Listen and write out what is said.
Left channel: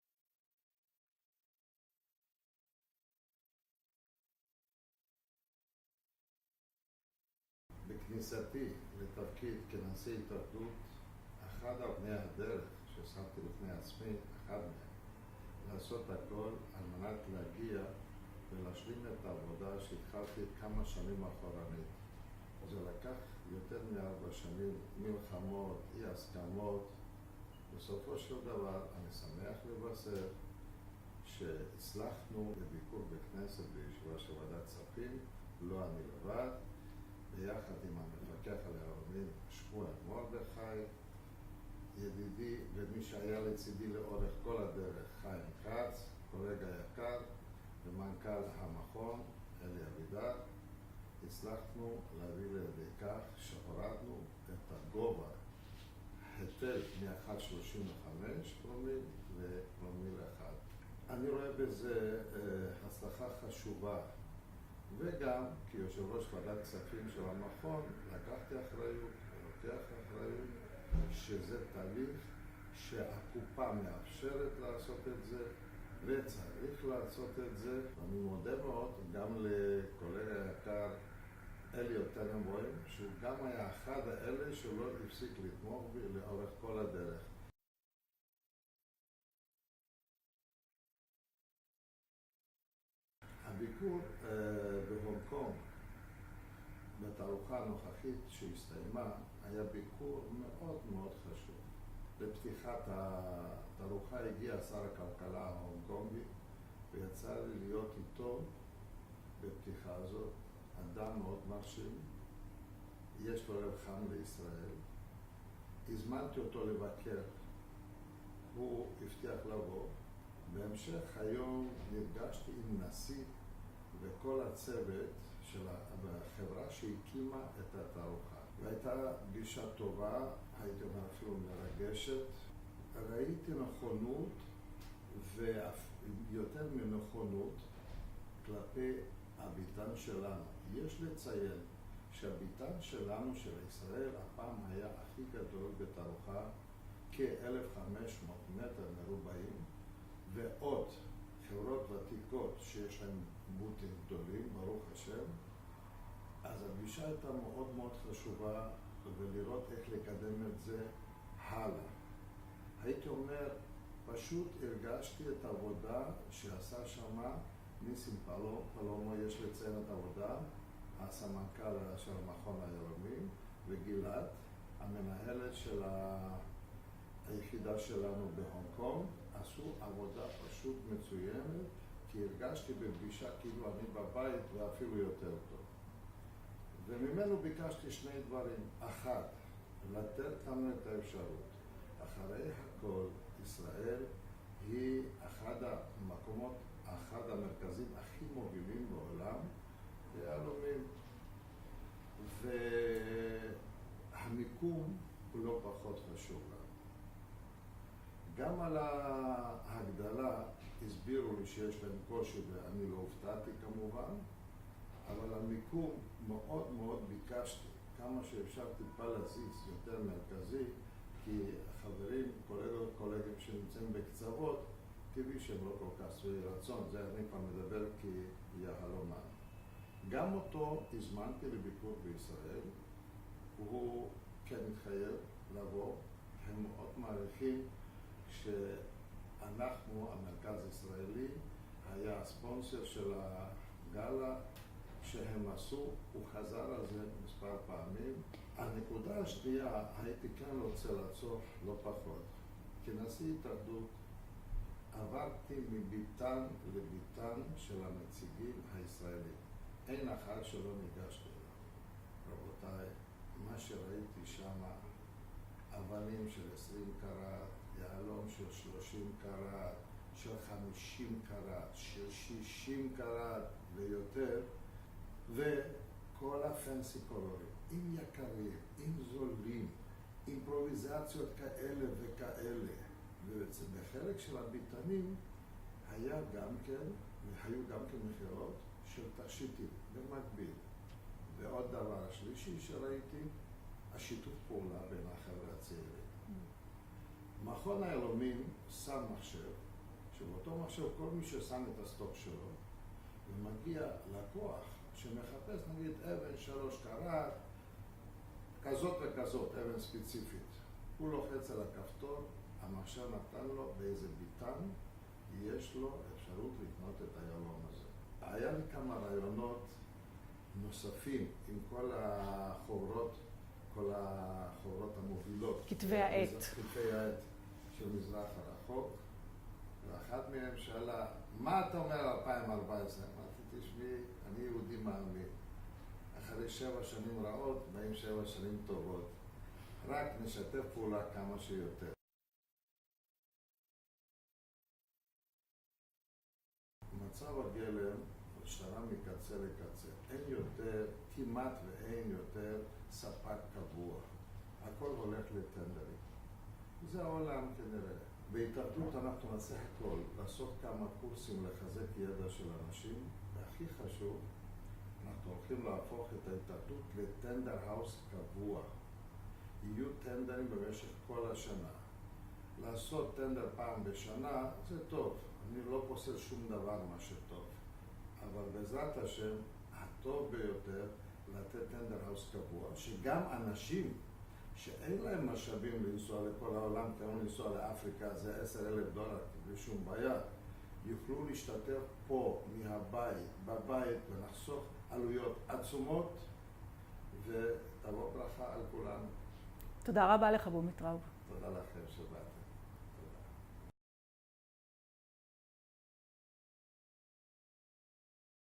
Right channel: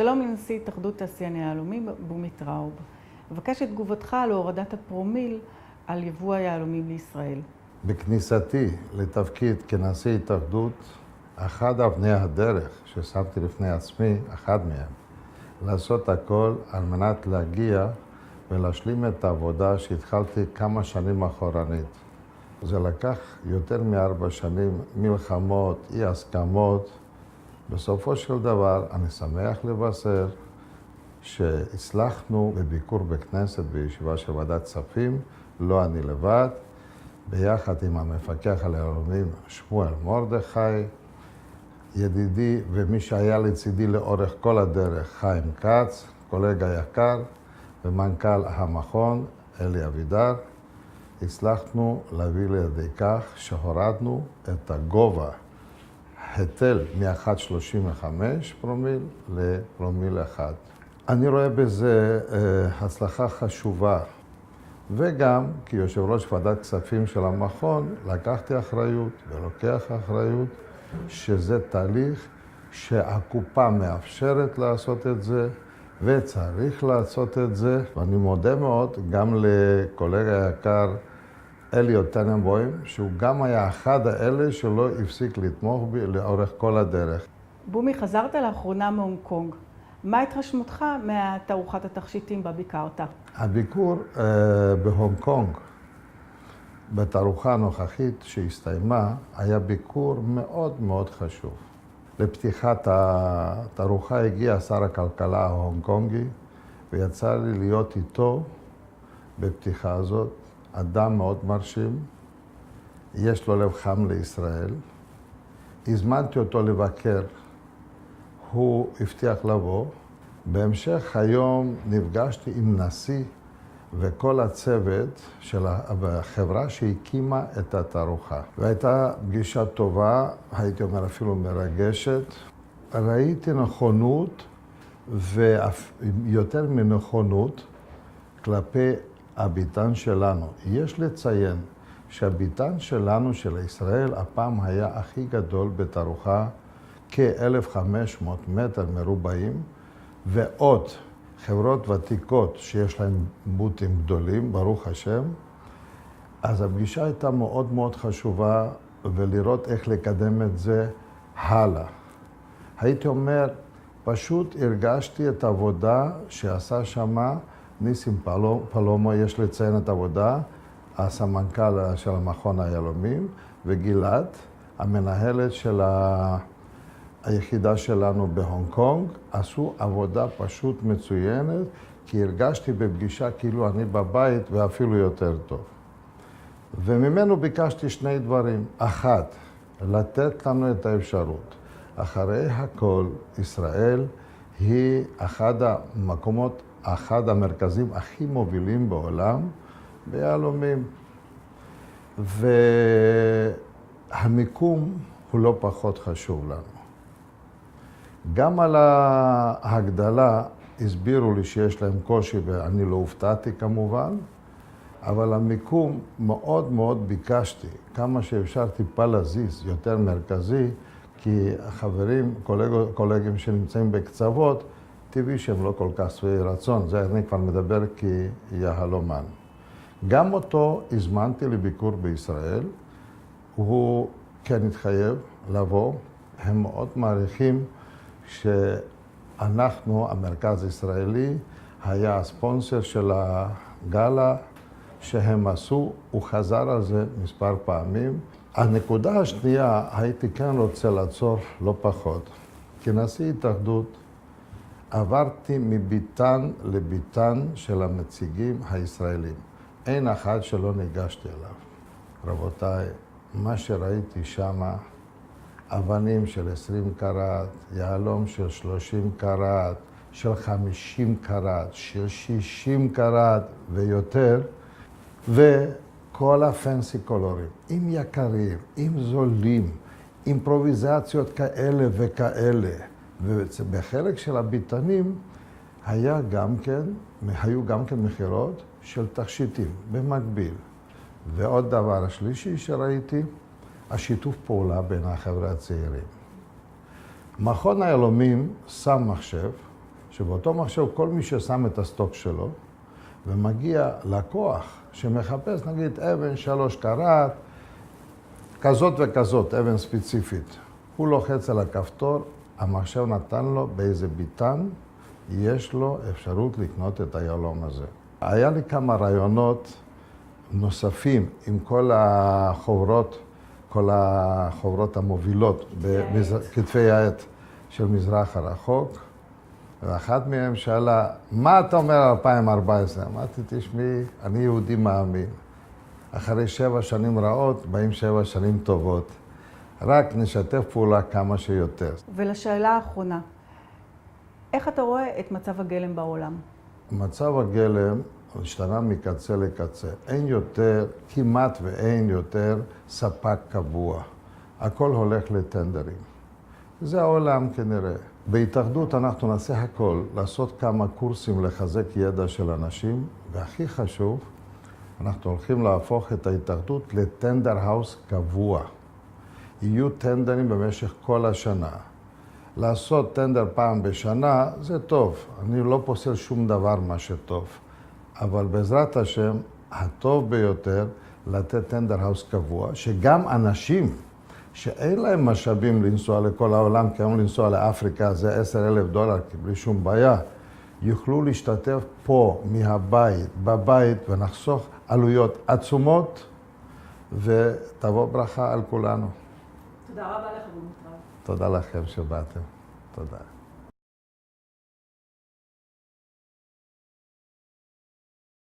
שלום לנשיא התאחדות תעשייני היהלומים בומי טראוב. אבקש את תגובתך על הורדת הפרומיל על יבוא היהלומים לישראל. בכניסתי לתפקיד כנשיא התאחדות, אחד אבני הדרך ששמתי לפני עצמי, אחד מהם, לעשות הכל על מנת להגיע ולהשלים את העבודה שהתחלתי כמה שנים אחורנית. זה לקח יותר מ4 שנים, מלחמות, אי הסכמות. בסופו של דבר אני שמח לבשר שהצלחנו בביקור בכנסת בישיבה של ועדת כספים, לא אני לבד, ביחד עם המפקח על היהלומים שמואל מרדכי, ידידי ומי שהיה לצידי לאורך כל הדרך, חיים כץ, קולגה יקר, ומנכ"ל המכון, אלי אבידר. הצלחנו להביא לידי כך שהורדנו את הגובה היטל מ-1.35 פרומיל לפרומיל 1. אני רואה בזה הצלחה חשובה, וגם כיושב ראש ועדת כספים של המכון לקחתי אחריות ולוקח אחריות שזה תהליך שהקופה מאפשרת לעשות את זה וצריך לעשות את זה. ואני מודה מאוד גם לקולגה היקר אלי טננבוים, שהוא גם היה אחד האלה שלא הפסיק לתמוך בי לאורך כל הדרך. בומי, חזרת לאחרונה מהונג קונג. מה התרשמותך מתערוכת התכשיטים בה ביקרת? הביקור בהונג קונג, בתערוכה הנוכחית שהסתיימה, היה ביקור מאוד מאוד חשוב. לפתיחת התערוכה הגיע שר הכלכלה ההונג קונגי, ויצא לי להיות איתו בפתיחה הזאת. אדם מאוד מרשים, יש לו לב חם לישראל. הזמנתי אותו לבקר, הוא הבטיח לבוא. בהמשך היום נפגשתי עם נשיא וכל הצוות של החברה שהקימה את התערוכה. והייתה פגישה טובה, הייתי אומר אפילו מרגשת. ראיתי נכונות ויותר מנכונות כלפי הביתן שלנו. יש לציין שהביתן שלנו, של ישראל, הפעם היה הכי גדול בתערוכה, כ-1,500 מטר מרובעים, ועוד חברות ותיקות שיש להן בוטים גדולים, ברוך השם. אז הפגישה הייתה מאוד מאוד חשובה, ולראות איך לקדם את זה הלאה. הייתי אומר, פשוט הרגשתי את העבודה שעשה שמה ניסים פלומו, יש לציין את העבודה, הסמנכ"ל של המכון היהלומים, וגלעד, המנהלת של היחידה שלנו בהונג קונג, עשו עבודה פשוט מצוינת, כי הרגשתי בפגישה כאילו אני בבית ואפילו יותר טוב. וממנו ביקשתי 2 דברים. 1, לתת לנו את האפשרות. אחרי הכל, ישראל היא אחד המרכזים הכי מובילים בעולם ביהלומים. והמיקום הוא לא פחות חשוב לנו. גם על ההגדלה הסבירו לי שיש להם קושי, ואני לא הופתעתי כמובן, אבל המיקום מאוד מאוד ביקשתי, כמה שאפשר טיפה להזיז, יותר מרכזי, כי החברים, קולגים שנמצאים בקצוות, טבעי שהם לא כל כך שבעי רצון, זה אני כבר מדבר כיהלומן. גם אותו הזמנתי לביקור בישראל, הוא כן התחייב לבוא, הם מאוד מעריכים שאנחנו, המרכז הישראלי, היה הספונסר של הגאלה שהם עשו, הוא חזר על זה מספר פעמים. הנקודה השנייה, הייתי כן רוצה לעצור לא פחות. כנשיא התאחדות, עברתי מביתן לביתן של הנציגים הישראלים. אין אחד שלא ניגשתי אליו. רבותיי, מה שראיתי שמה, אבנים של 20 קראט, יהלום של 30 קראט, של 50 קראט, של 60 קראט ויותר, וכל הפנסי קולורים, עם יקרים, עם זולים, אימפרוביזציות כאלה וכאלה. ובחלק של הביתנים היו גם כן מחירות של תכשיטים במקביל. ועוד דבר השלישי שראיתי, השיתוף פעולה בין החבר'ה הצעירים. מכון היהלומים שם מחשב שבאותו מחשב כל מי ששם את הסטוק שלו, ומגיע לקוח שמחפש נגיד אבן 3 קראט, כזאת וכזאת, אבן ספציפית. הוא לוחץ על הכפתור, המחשב נתן לו באיזה ביטן, יש לו אפשרות לקנות את היהלום הזה. היה לי כמה רעיונות נוספים עם כל החוברות המובילות, כתבי העת של מזרח הרחוק, ואחת מהן שאלה, מה אתה אומר על 2014? אמרתי, תשמעי, אני יהודי מאמין. אחרי 7 שנים רעות, באים 7 שנים טובות. רק נשתף פעולה כמה שיותר. ולשאלה האחרונה, איך אתה רואה את מצב הגלם בעולם? מצב הגלם השתנה מקצה לקצה. אין יותר, כמעט ואין יותר ספק קבוע. הכל הולך לטנדרים. זה העולם כנראה. בהתאחדות אנחנו נעשה הכל, לעשות כמה קורסים לחזק ידע של אנשים, והכי חשוב, אנחנו הולכים להפוך את ההתאחדות לטנדר האוס קבוע. יהיו טנדרים במשך כל השנה. לעשות טנדר פעם בשנה זה טוב. אני לא פוסל שום דבר מה שטוב. אבל בעזרת השם, הטוב ביותר לתת טנדר האוס קבוע, שגם אנשים שאין להם משאבים לנסוע לכל העולם, כי היום לנסוע לאפריקה זה $10,000, בלי שום בעיה, יוכלו להשתתף פה, מהבית, בבית, ונחסוך עלויות עצומות, ותבוא ברכה על כולנו. תודה רבה לך, בומיטראוב. תודה לכם שבאתם. תודה.